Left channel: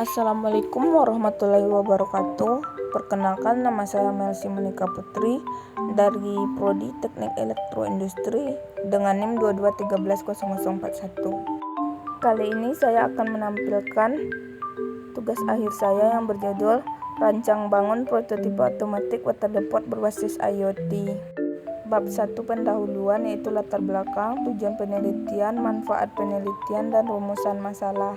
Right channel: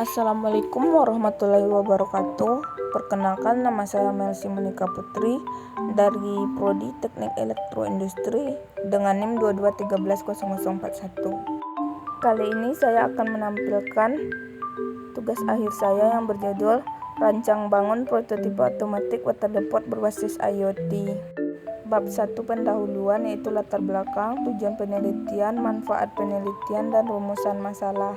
Assalamualaikum warahmatullahi wabarakatuh. Perkenalkan, nama saya Melsi Monika Putri dari Prodi Teknik Elektroindustri dengan NIM 22130041. Kali ini saya akan menampilkan tugas akhir saya yang berjudul Rancang bangun prototipe otomatik water depot berbasis IoT. Bab 1 pendahuluan, yaitu latar belakang, tujuan penelitian, manfaat penelitian, dan rumusan masalah.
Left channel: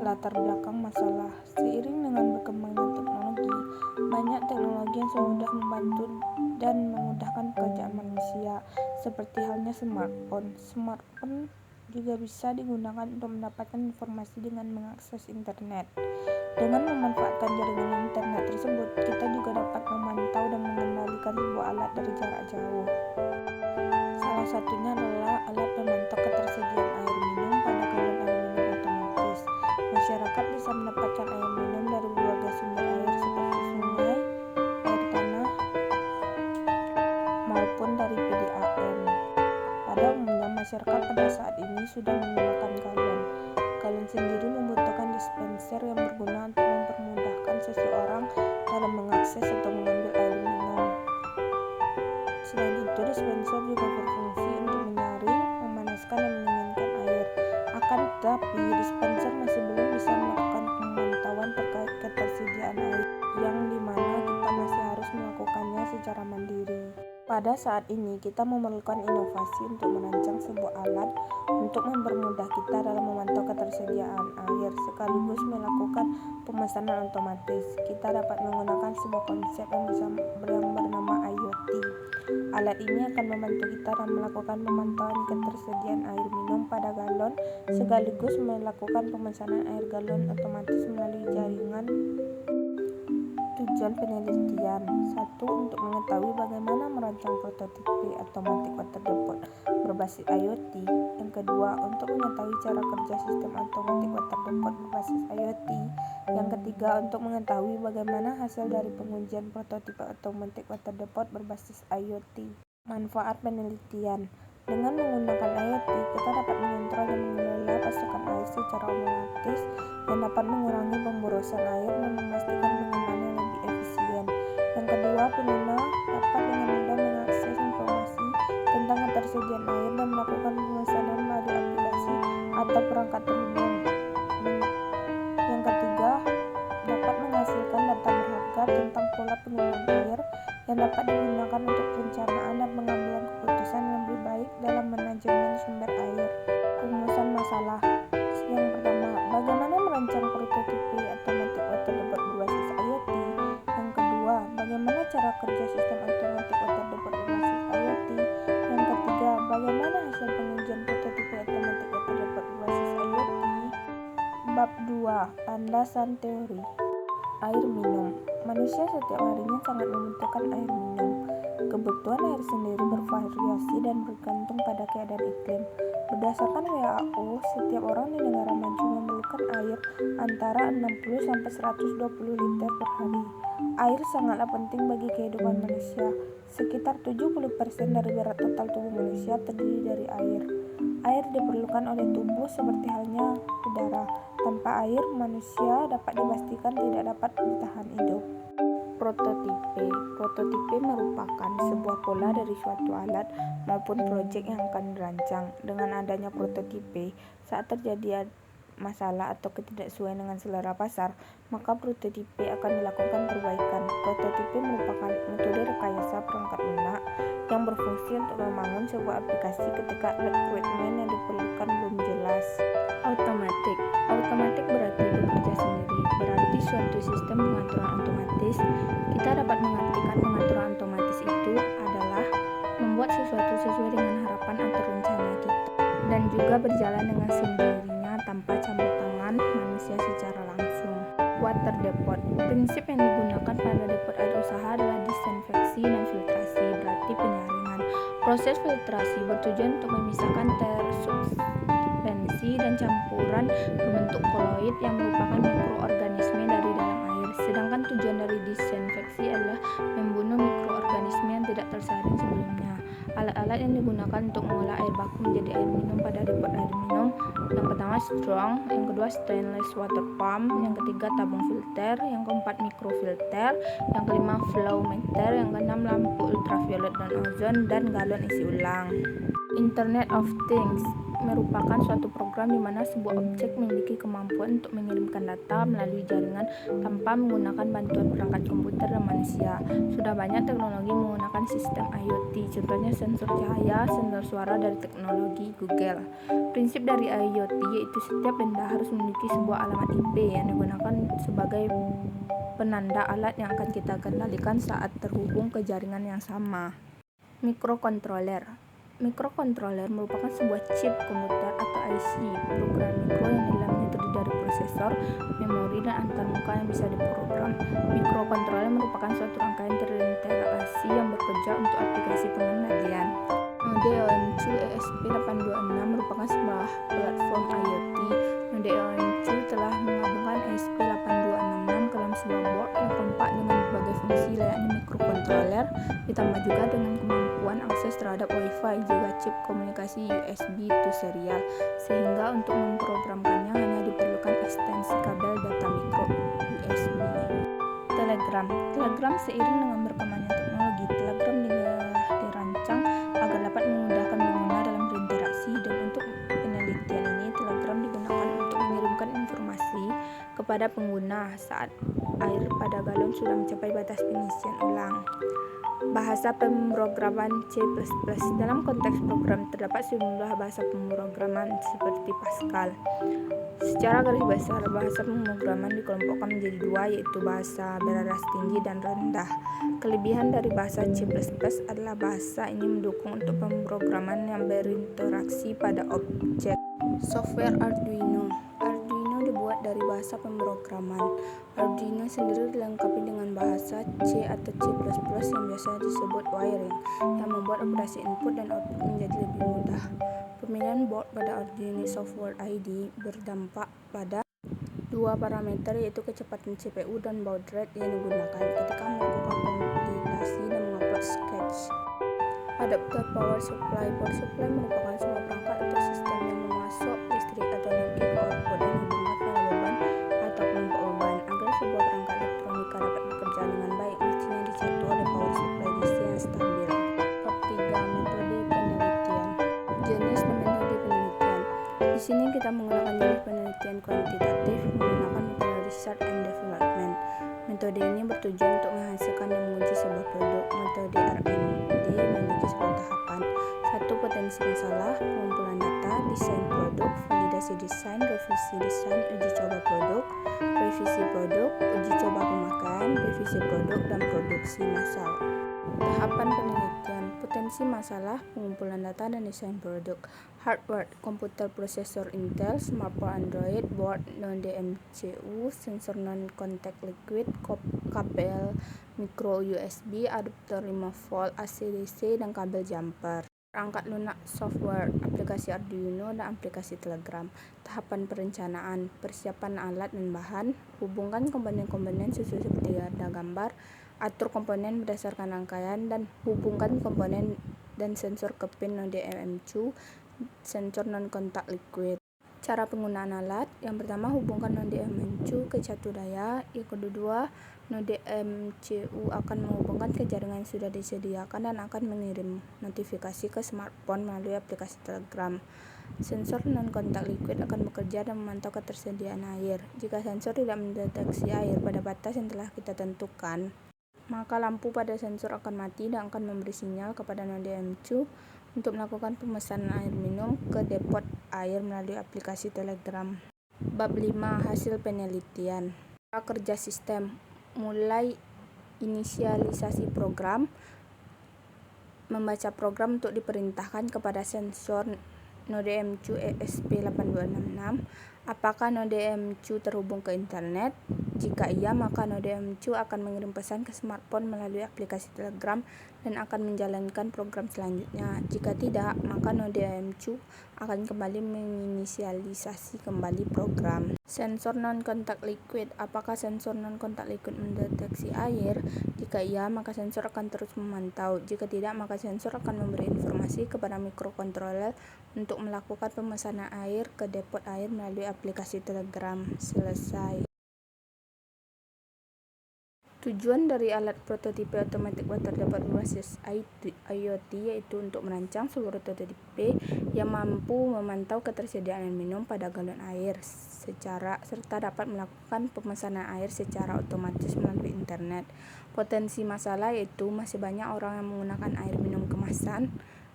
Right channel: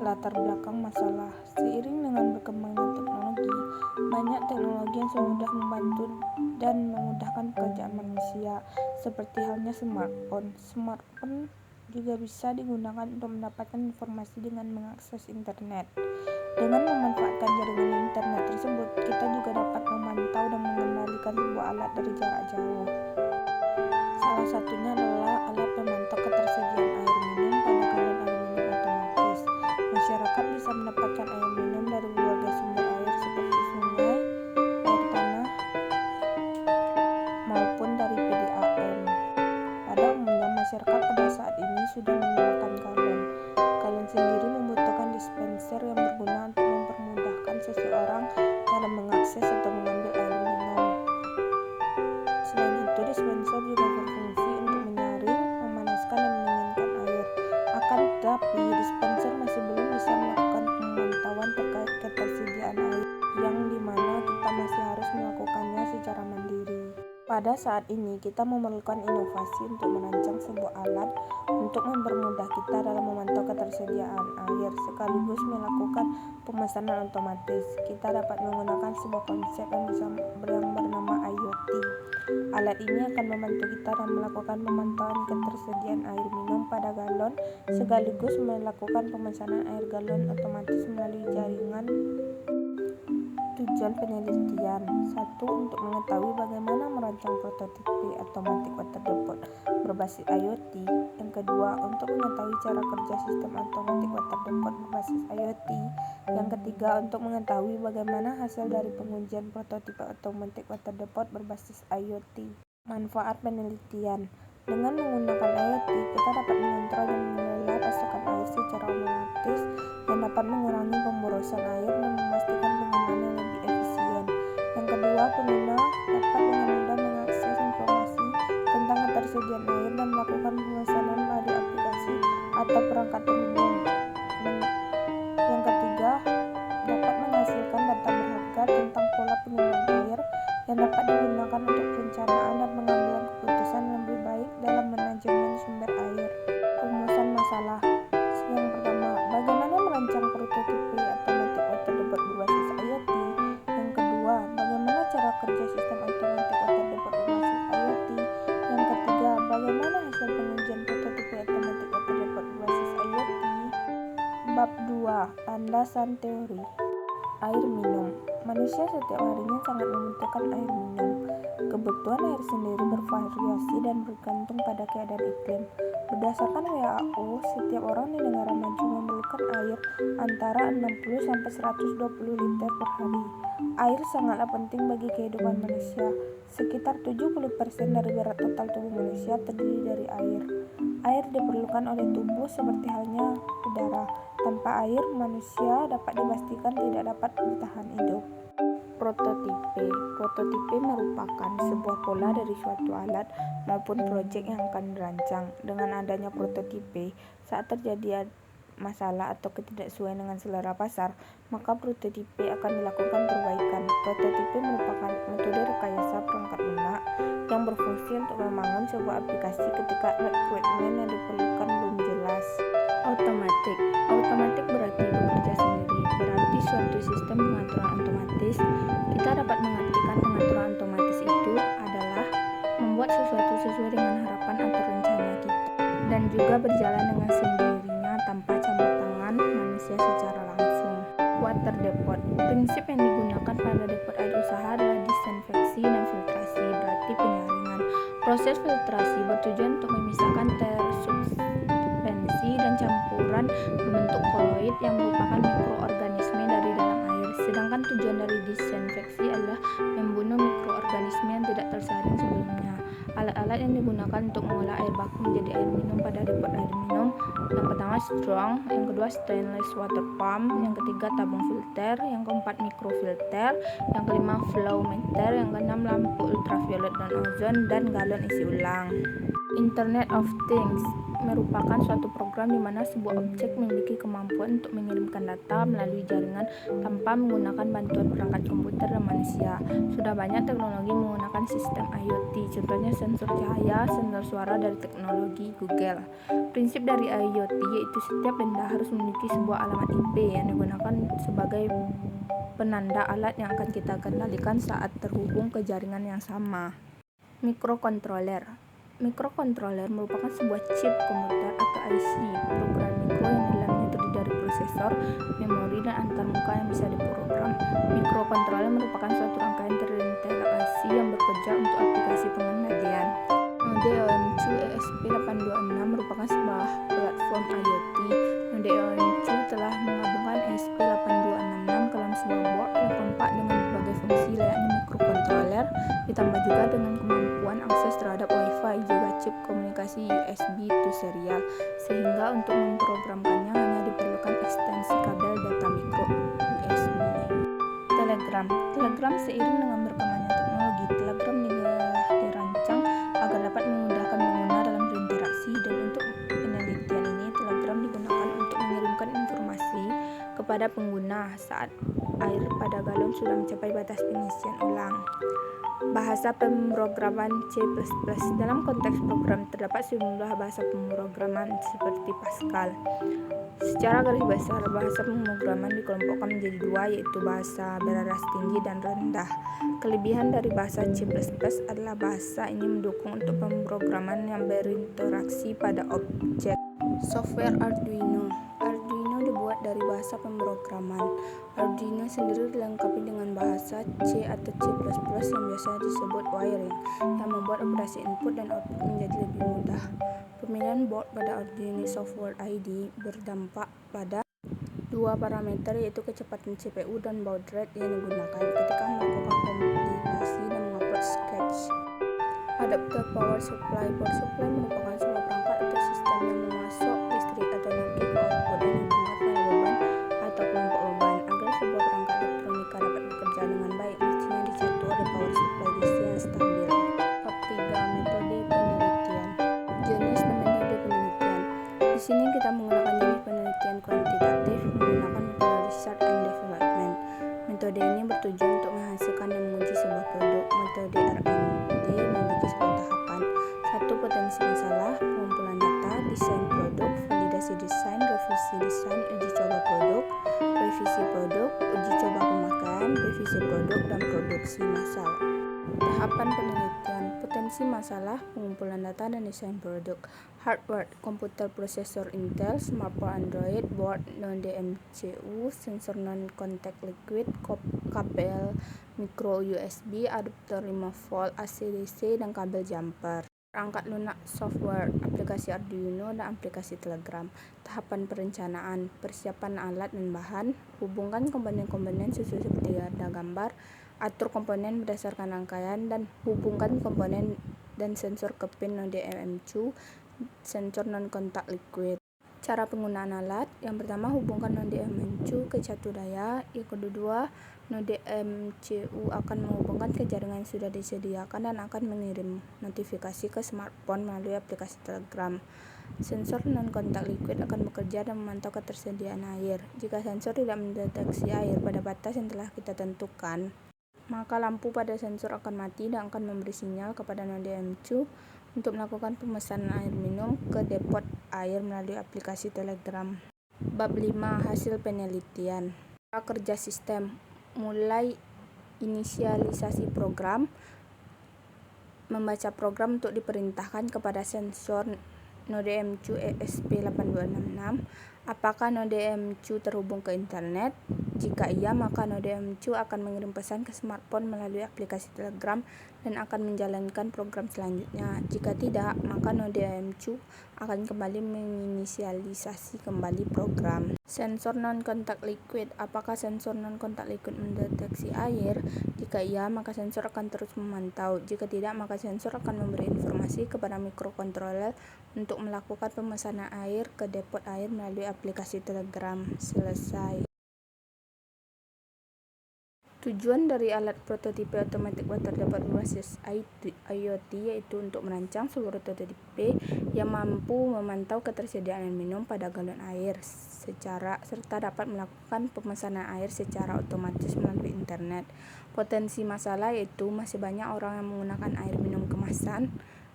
Latar belakang masalah. Seiring dengan berkembangnya teknologi, banyak teknologi yang semudah membantu dan memudahkan pekerjaan manusia, seperti halnya smartphone. Smartphone juga bisa digunakan untuk mendapatkan informasi dengan mengakses internet. Dengan memanfaatkan jaringan internet tersebut, kita juga dapat memantau dan mengendalikan sebuah alat dari jarak jauh. Salah satunya adalah alat pemantau ketersediaan air minum pada galon aluminium otomatis. Masyarakat bisa mendapatkan air minum dari berbagai sumber air seperti sungai, air tanah, maupun dari PDAM. Pada umumnya, masyarakat pada saat ini sudah menggunakan galon. Galon sendiri membutuhkan dispenser yang berguna untuk mempermudahkan seseorang dalam mengakses atau mengambil air minum. Selain itu, dispenser juga berfungsi untuk menyaring, memanaskan, dan mendinginkan air. Akan tetapi, dispenser masih belum bisa melakukan pemantauan terkait ketersediaan air, yang dimana kita masih harus melakukannya secara mandiri. Pada saat ini, kita memerlukan inovasi untuk merancang sebuah alat untuk mempermudah kita dalam memantau ketersediaan air, sekaligus melakukan pemesanan otomatis. Kita dapat menggunakan sebuah konsep yang bernama IoT. Alat ini akan membantu kita dalam melakukan pemantauan ketersediaan air minum pada galon, sekaligus melakukan pemesanan air galon otomatis melalui jaringan. Tujuan penelitian: 1. Untuk mengetahui bagaimana merancang prototipe otomatik water depot berbasis IoT. Yang kedua, untuk mengetahui cara kerja sistem otomatik water depot berbasis IoT. Yang ketiga, untuk mengetahui bagaimana hasil dari pengujian prototipe otomatik water depot berbasis IoT. Manfaat penelitian: dengan menggunakan IoT, kita dapat mengontrol dan mengelola pasokan air secara otomatis yang dapat mengurangi pemborosan air dan memastikan penggunaan yang lebih efisien. Yang kedua, pengguna dapat dengan mudah mengakses informasi tentang ketersediaan air dan melakukan pemesanan melalui aplikasi atau perangkat terhubung. Yang ketiga, dapat menghasilkan data berharga tentang pola penggunaan air yang dapat digunakan untuk perencanaan dan pengambilan keputusan yang lebih baik dalam manajemen sumber air. Rumusan masalah. Yang pertama, bagaimana merancang prototipe otomatik water depot berbasis IoT. Yang kedua, bagaimana cara kerja sistem otomatik water depot berbasis IoT. Yang ketiga, bagaimana hasil pengujian prototipe otomatik water depot berbasis IoT. Bab 2. Landasan teori. Air minum. Manusia setiap harinya sangat membutuhkan air minum. Kebutuhan air sendiri bervariasi dan bergantung pada keadaan iklim. Berdasarkan WHO, setiap orang di negara maju memerlukan air antara 60 sampai 120 liter per hari. Air sangatlah penting bagi kehidupan manusia. Sekitar 70% dari berat total tubuh manusia terdiri dari air. Air diperlukan oleh tubuh seperti halnya udara. Tanpa air, manusia dapat dipastikan tidak dapat bertahan hidup. Prototipe merupakan sebuah pola dari suatu alat maupun proyek yang akan dirancang. Dengan adanya prototipe, saat terjadi masalah atau ketidaksesuaian dengan selera pasar, maka prototipe akan dilakukan perbaikan. Prototipe merupakan metode rekayasa perangkat lunak yang berfungsi untuk membangun sebuah aplikasi ketika requirement yang diperlukan belum jelas. Otomatik berarti bekerja sendiri, berarti suatu sistem pengaturan otomatis. Kita dapat mengartikan pengaturan otomatis itu adalah membuat sesuatu sesuai dengan harapan atau rencana kita, dan juga berjalan dengan sendirinya tanpa campur tangan manusia secara langsung. Water depot. Prinsip yang digunakan pada depot air usaha adalah disinfeksi dan filtrasi, berarti penyaringan. Proses filtrasi bertujuan untuk memisahkan suspensi dan campuran berbentuk koloid yang merupakan mikroorganisme dari dalam air. Sedangkan tujuan dari disinfeksi adalah membunuh mikroorganisme yang tidak tersaring sebelumnya. Alat-alat yang digunakan untuk mengolah air baku menjadi air minum pada depot air minum: yang pertama strong, yang kedua stainless water pump, yang ketiga tabung filter, yang keempat mikrofilter, yang kelima flow meter, yang keenam lampu ultraviolet dan ozon, dan galon isi ulang. Internet of Things merupakan suatu program di mana sebuah objek memiliki kemampuan untuk mengirimkan data melalui jaringan tanpa menggunakan bantuan perangkat komputer dan manusia. Sudah banyak teknologi menggunakan sistem IoT, contohnya sensor cahaya, sensor suara dari teknologi Google. Prinsip dari IoT yaitu setiap benda harus memiliki sebuah alamat IP yang digunakan sebagai penanda alat yang akan kita kendalikan saat terhubung ke jaringan yang sama. Mikrokontroler merupakan sebuah chip komputer atau IC, program mikro yang di dalamnya terdiri dari prosesor, memori, dan antarmuka yang bisa diprogram. Mikrokontroler merupakan suatu rangkaian terinteraksi yang bekerja untuk aplikasi pengendalian. Node OM2 ESP8266 merupakan sebuah platform IoT. Node OM2 telah menggabungkan ESP8266 ke dalam sebuah board yang kompak dengan berbagai fungsi layaknya mikrokontroler, ditambah juga dengan kemampuan akses terhadap Wi-Fi, juga chip komunikasi USB to serial, sehingga untuk memprogramkannya hanya diperlukan ekstensi kabel data mikro USB. Telegram seiring dengan berkembangnya teknologi, Telegram dirancang agar dapat memudahkan pengguna dalam berinteraksi, dan untuk penelitian ini Telegram digunakan untuk mengirimkan informasi kepada pengguna saat air pada galon sudah mencapai batas pengisian ulang. Bahasa pemrograman C++. Dalam konteks program terdapat sejumlah bahasa pemrograman seperti Pascal. Secara garis besar, bahasa pemrograman dikelompokkan menjadi dua, yaitu bahasa beraras tinggi dan rendah. Kelebihan dari bahasa C++ adalah bahasa ini mendukung untuk pemrograman yang berinteraksi pada objek. Software Arduino dibuat dari bahasa pemrograman. Arduino sendiri dilengkapi dengan bahasa C atau C++ yang biasa disebut wiring, yang membuat operasi input dan output menjadi lebih mudah. Pemilihan board pada Arduino Software ID berdampak pada dua parameter, yaitu kecepatan CPU dan baud rate yang digunakan ketika melakukan kompilasi dan mengupload sketch. Adapter Power Supply merupakan sebuah perangkat atau sistem yang memasok listrik atau energi ke output dan dihubungkan pada beban atau kelompok beban. Agar sebuah perangkat elektronika dapat bekerja dengan baik, mestinya dicatur oleh power supply DC yang stabil. Bab 3. Metode penelitian. Jenis dan metode penelitian. Di sini kita menggunakan jenis penelitian kuantitatif menggunakan metode research and development. Metode ini bertujuan untuk menghasilkan dan menguji sebuah produk. Metode R&D memiliki sebuah tahapan. 1. Potensi masalah, pengumpulan data, desain produk, validasi desain, revisi desain, uji coba produk, revisi produk, uji coba pemakaian, revisi produk, dan produksi massal. Tahapan penelitian: potensi masalah, pengumpulan data, dan desain produk. Hardware: komputer prosesor Intel, smartphone Android, board non-DMCU, sensor non-contact liquid, kabel micro USB, adapter 5V AC/DC, dan kabel jumper. Perangkat lunak software, aplikasi Arduino dan aplikasi Telegram. Tahapan perencanaan: persiapan alat dan bahan, hubungkan komponen-komponen sesuai seperti ada gambar, atur komponen berdasarkan rangkaian, dan hubungkan komponen dan sensor ke pin node OM2, sensor non-kontak liquid. Cara penggunaan alat: yang pertama, hubungkan node OM2 ke catu daya. Yang kedua, node MCU akan menghubungkan ke jaringan yang sudah disediakan dan akan mengirim notifikasi ke smartphone melalui aplikasi Telegram. Sensor non-kontak liquid akan bekerja dan memantau ketersediaan air. Jika sensor tidak mendeteksi air pada batas yang telah kita tentukan, maka lampu pada sensor akan mati dan akan memberi sinyal kepada node OM2 untuk melakukan pemesanan air minum ke depot air melalui aplikasi Telegram. Bab 5. Hasil penelitian. Cara kerja sistem: mulai inisialisasi program, membaca program untuk diperintahkan kepada sensor node OM2 ESP8266, apakah node OM2 terhubung ke internet, Jika iya, maka node MCU akan mengirim pesan ke smartphone melalui aplikasi Telegram dan akan menjalankan program selanjutnya. Jika tidak, maka node MCU akan kembali menginisialisasi kembali program. Sensor non-kontak liquid. Apakah sensor non-kontak liquid mendeteksi air? Jika iya, maka sensor akan terus memantau. Jika tidak, maka sensor akan memberi informasi kepada microcontroller untuk melakukan pemesanan air ke depot air melalui aplikasi Telegram. Selesai. Tujuan dari alat prototipe automatic water depot berbasis IoT yaitu untuk merancang seluruh prototipe yang mampu memantau ketersediaan air minum pada galon air serta dapat melakukan pemesanan air secara otomatis melalui internet. Potensi masalah yaitu masih banyak orang yang menggunakan air minum kemasan,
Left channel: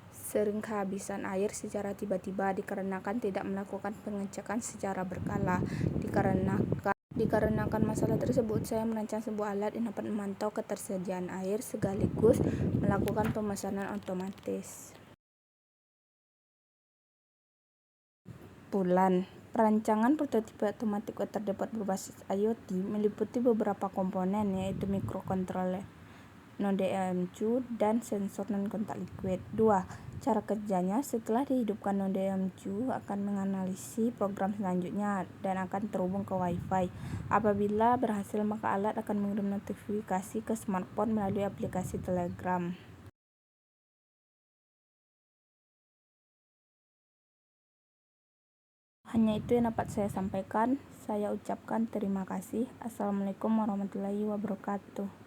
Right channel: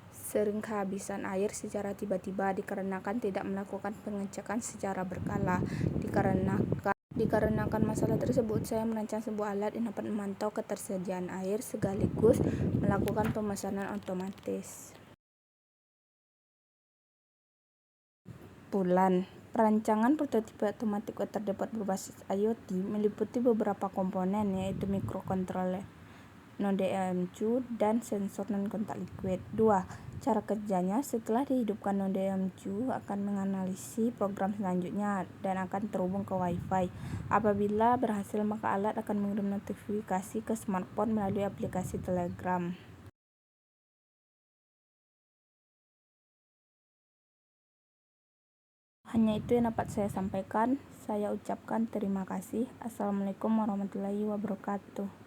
sering kehabisan air secara tiba-tiba dikarenakan tidak melakukan pengecekan secara berkala. Dikarenakan masalah tersebut, saya merancang sebuah alat yang dapat memantau ketersediaan air sekaligus melakukan pemesanan otomatis. Perancangan prototipe automatic water depot berbasis IoT meliputi beberapa komponen yaitu microcontroller, node MCU, dan sensor non-kontak liquid. 2. Cara kerjanya, setelah dihidupkan node MCU akan menganalisis program selanjutnya dan akan terhubung ke Wi-Fi. Apabila berhasil, maka alat akan mengirim notifikasi ke smartphone melalui aplikasi Telegram. Hanya itu yang dapat saya sampaikan. Saya ucapkan terima kasih. Assalamualaikum warahmatullahi wabarakatuh.